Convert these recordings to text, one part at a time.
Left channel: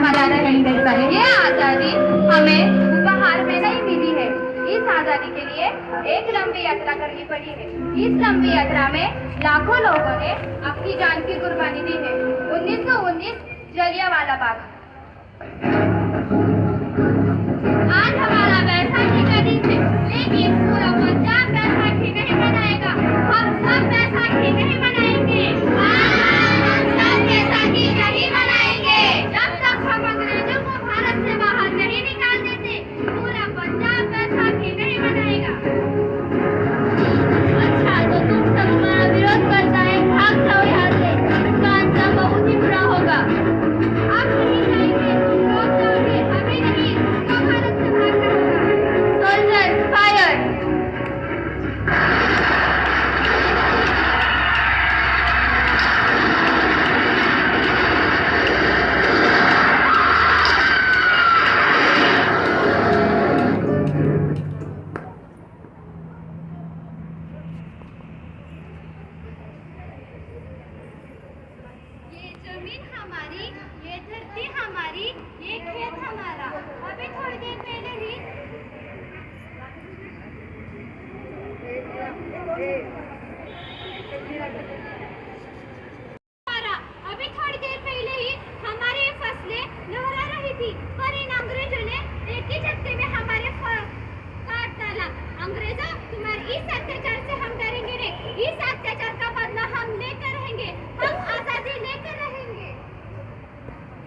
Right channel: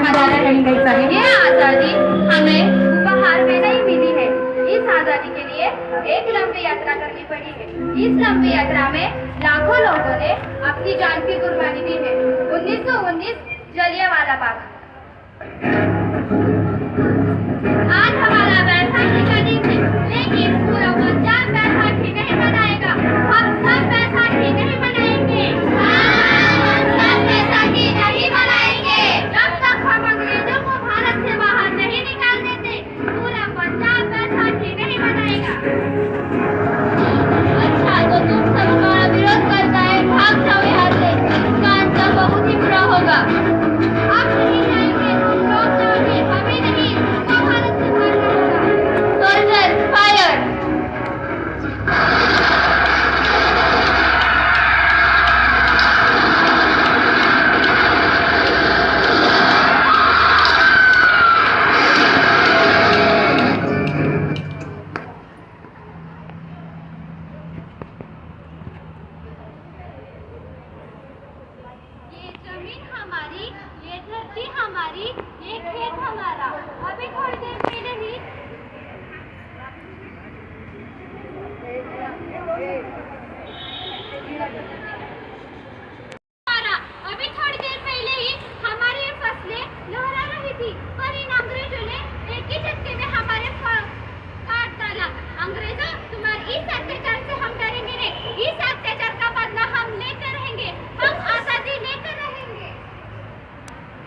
हमारा नहीं मिल सके। ये आजादी हमें उपहार में नहीं मिली है। इस आजादी के लिए एक लंबी यात्रा करनी पड़ी है। इस लंबी यात्रा में लाखों लोगों ने अपनी जान की कुर्बानी दी है। 1919 जलियांवाला बाग। आज हमारा बैसाखी का दिन है, लेकिन पूरा पंजाब बैसाखी नहीं मनाएगा। हम सब बैसाखी नहीं मनाएंगे। हम सब बैसाखी नहीं मनाएंगे। जब तक हम अंग्रेजों को भारत से बाहर नहीं निकाल देते, पूरा पंजाब बैसाखी नहीं मनाएगा। अच्छा, तो तुम सब हमारा विरोध करता है, भाग जाओ यहाँ से। इसका अंजाम बहुत ही बुरा होगा। आप नहीं जाएंगे, तुम लोग जाओगे, हमें नहीं, तुमको भारत से भागना होगा। Soldiers fire. ये जमीन हमारी, ये धरती हमारी, ये खेत हमारा। अभी थोड़ी देर पहले ही अभी थोड़ी देर पहले ही हमारी ये फसलें लहरा रही थी, पर इन अंग्रेजों ने एक ही झटके में हमारे काट डाला। अंग्रेजों, तुम्हारे इस अत्याचार से हम डरेंगे नहीं। इस अत्याचार का बदला हम लेकर रहेंगे। हम आजादी लेकर रहेंगे।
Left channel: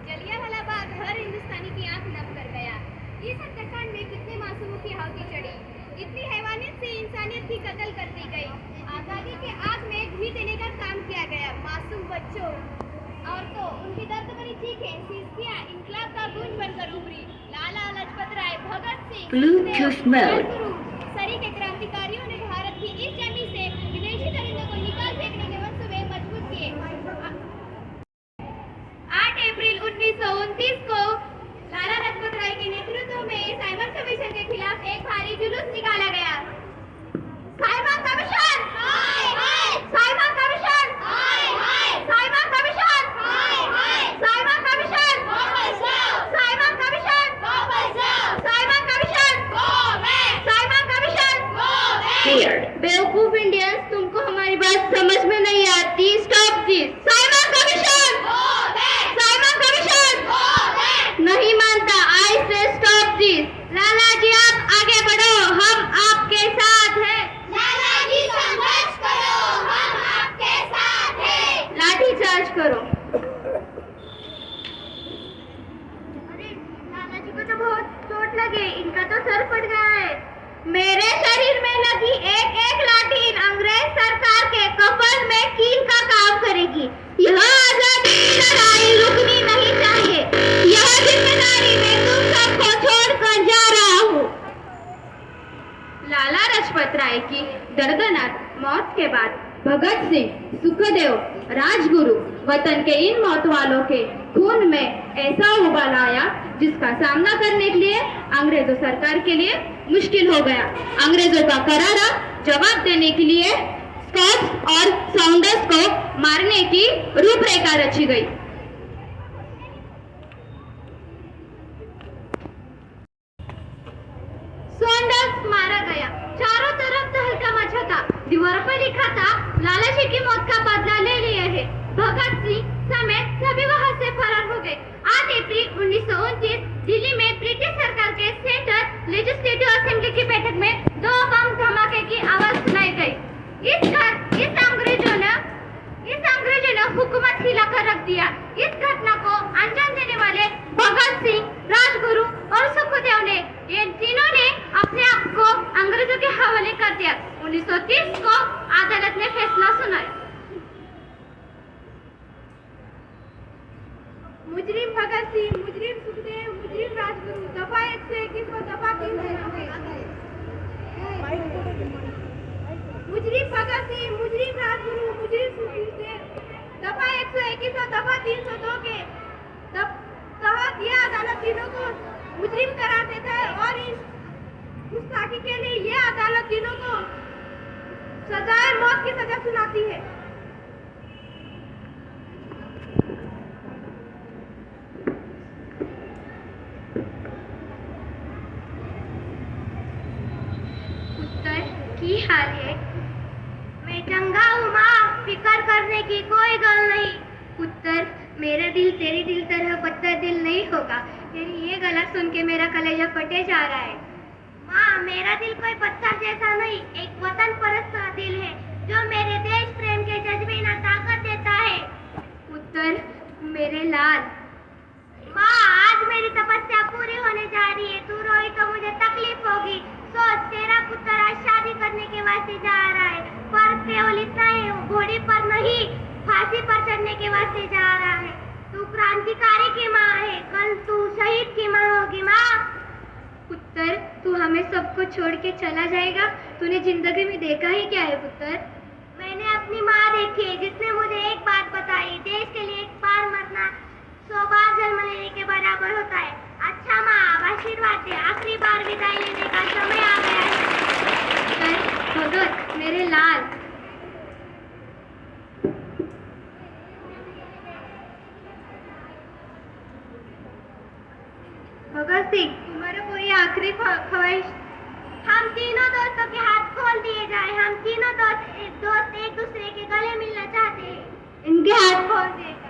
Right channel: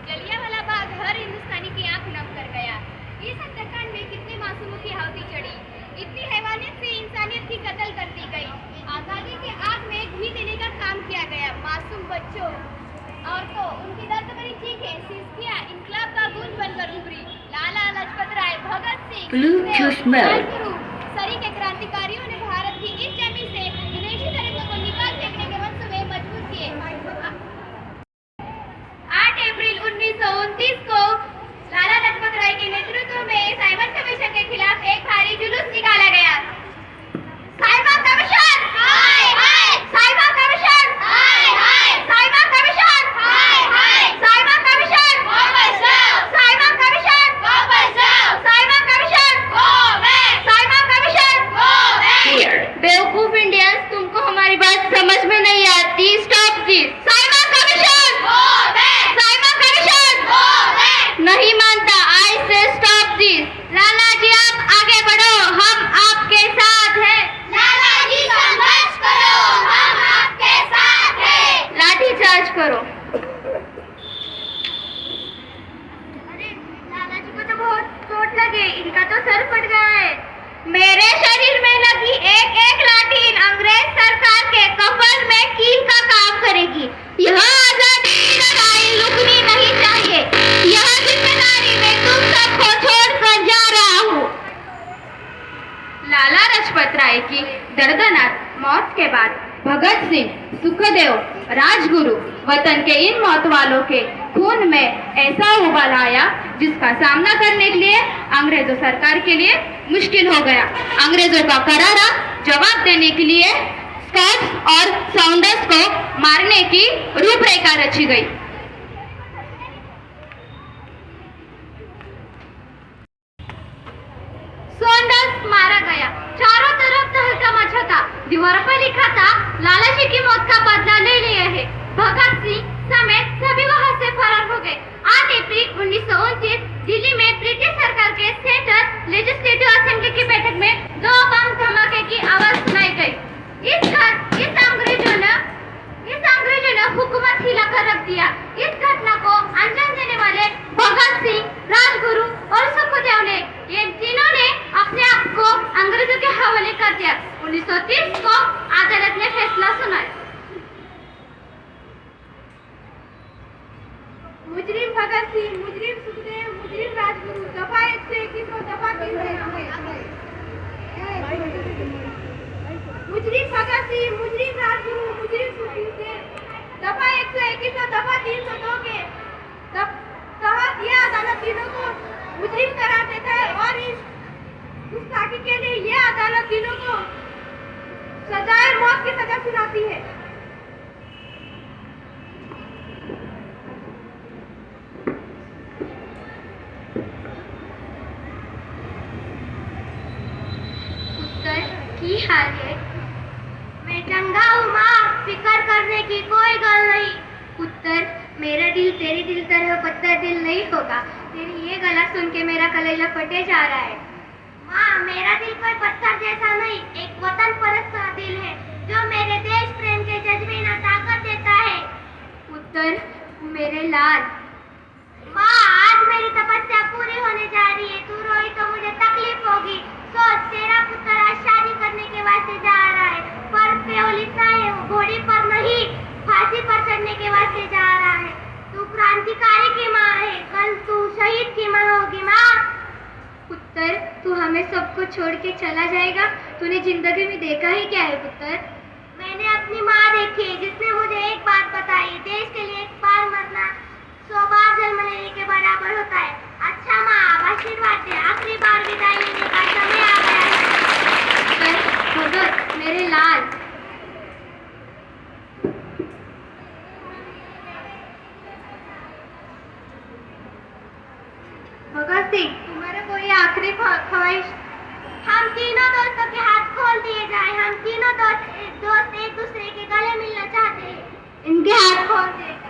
जलियांवाला बाग हर हिंदुस्तानी की आंख नम कर गया। इस हत्याकांड में कितने मासूमों की आहुति चढ़ी, इतनी हैवानियत से इंसानियत की कत्ल कर दी गई। आजादी के आग में घी देने का काम किया गया। मासूम बच्चों, औरतों, उनकी दर्द भरी चीखें, सिसकियां इनकलाब का गूंज बनकर उभरी। लाला लाजपत राय, भगत सिंह, राजगुरु, सरी के क्रांतिकारियों ने भारत की इस जमीन से विदेशी दरिंदों को निकाल फेंकने के मंसूबे मजबूत किए। 8 अप्रैल 1929 को लाला लाजपत राय के नेतृत्व में साइमन कमीशन के खिलाफ एक भारी जुलूस निकाला गया। साइमन कमीशन, हाय हाय! साइमन कमीशन, हाय हाय! साइमन कमीशन, हाय हाय! साइमन कमीशन, वापस जाओ! साइमन कमीशन, वापस जाओ! Simon commission, go back! Simon commission, go back! बेवकूफ इंडियंस, तुमको हमारी बात समझ में नहीं आती। Stop this! Simon commission, go back! Simon commission, go back! नहीं मानता। आई से स्टॉप दिस! लाला जी, आप आगे बढ़ो, हम आपके साथ हैं। लाला जी, संघर्ष करो, हम आपके साथ हैं। लाठी चार्ज करो। अरे, लाला जी को तो बहुत चोट लगी, इनका तो सर फट गया है। मेरे शरीर में लगी एक एक लाठी इन अंग्रेज सरकार के कफन में कील का काम करेगी। यह आजादी की लड़ाई रुकनी नहीं चाहिए। यह जिम्मेदारी मैं तुम सबको छोड़कर जा रहा हूँ। लाला लाजपत राय की दर्दनाक मौत के बाद भगत सिंह, सुखदेव, राजगुरु वतन के इन मौत वालों के खून में ऐसा उबाल आया जिसका सामना करने के लिए अंग्रेजों सरकार के लिए मुश्किल हो गया। अंग्रेजों का करारा जवाब देने के लिए स्कॉट्स और साउंडर्स को मारने की रूपरेखा रची गई। सॉन्डर्स मारा गया। चारों तरफ तहलका मचा था। दीवार पर लिखा था, लाला जी की मौत का बदला ले लिया है। भगत सिंह समेत सभी वहां से फरार हो गए। 8 अप्रैल 1929 दिल्ली में ब्रिटिश सरकार के सेंट्रल लेजिस्लेटिव असेंबली की बैठक में 2 बम धमाके की आवाज सुनाई गई। इस अंग्रेजों ने हुकूमत हिलाकर रख दिया। इस घटना को अंजाम देने वाले भगत सिंह, राजगुरु और सुखदेव ने, ये तीनों ने अपने आप को अंग्रेजों के हवाले कर दिया। 1930 को अदालत ने फैसला सुनाया। मुजरिम भगत सिंह, मुजरिम सुखदेव, मुजरिम राजगुरु, दफा 1 से 21 को दफा 3 मुजरिम भगत सिंह, मुजरिम राजगुरु, मुजरिम सुखदेव, दफा 1 से 21 को दफा 302 के तहत यह अदालत तीनों को मुजरिम करार देता है और इस गुस्ताखी के लिए यह अदालत तीनों को सजाए मौत की सजा सुनाती है। टूटने की कोई गल नहीं। पुत्र, मेरा दिल तेरे दिल तरह पत्थर दिल नहीं होगा। तेरी ये गला सुन के मेरा कलेजा फटे जा रहा है। माँ, मेरा दिल कोई पत्थर जैसा नहीं, एक वतन परस्त दिल है जो मेरे देश प्रेम के जज्बे में ताकत देता है। पुत्र, मेरे लाल। माँ, आज मेरी तपस्या पूरी होने जा रही है। तू रोई तो मुझे तकलीफ होगी। सोच, तेरा पुत्र आज शादी करने के वास्ते जा रहा है, पर केवल इतना है, वो घोड़ी पर नहीं, फांसी पर चढ़ने के वास्ते जा रहा है। तू क्रांतिकारी की माँ है, कल तू शहीद की माँ होगी। माँ। पुत्र, तू हमें सबको छोड़ के चला जाएगा? तूने जिंदगी में देखा ही क्या है पुत्र? मैंने अपनी माँ देखी जिसने मुझे एक बात बताई, देश के लिए एक बार मरना 100 बार जन्म लेने के बराबर होता है। अच्छा माँ, अब आशीर्वाद दे, आखिरी बार विदाई लेने का समय आ गया है। भगत, मेरे लाल। भगत सिंह, तुम्हारा कोई आखिरी ख्वाहिश? हम तीनों दोस्तों के हाथ खोल दिए जाए। हम तीनों दोस्त एक दूसरे के गले मिलना चाहते हैं। इनके हाथ खोल दे।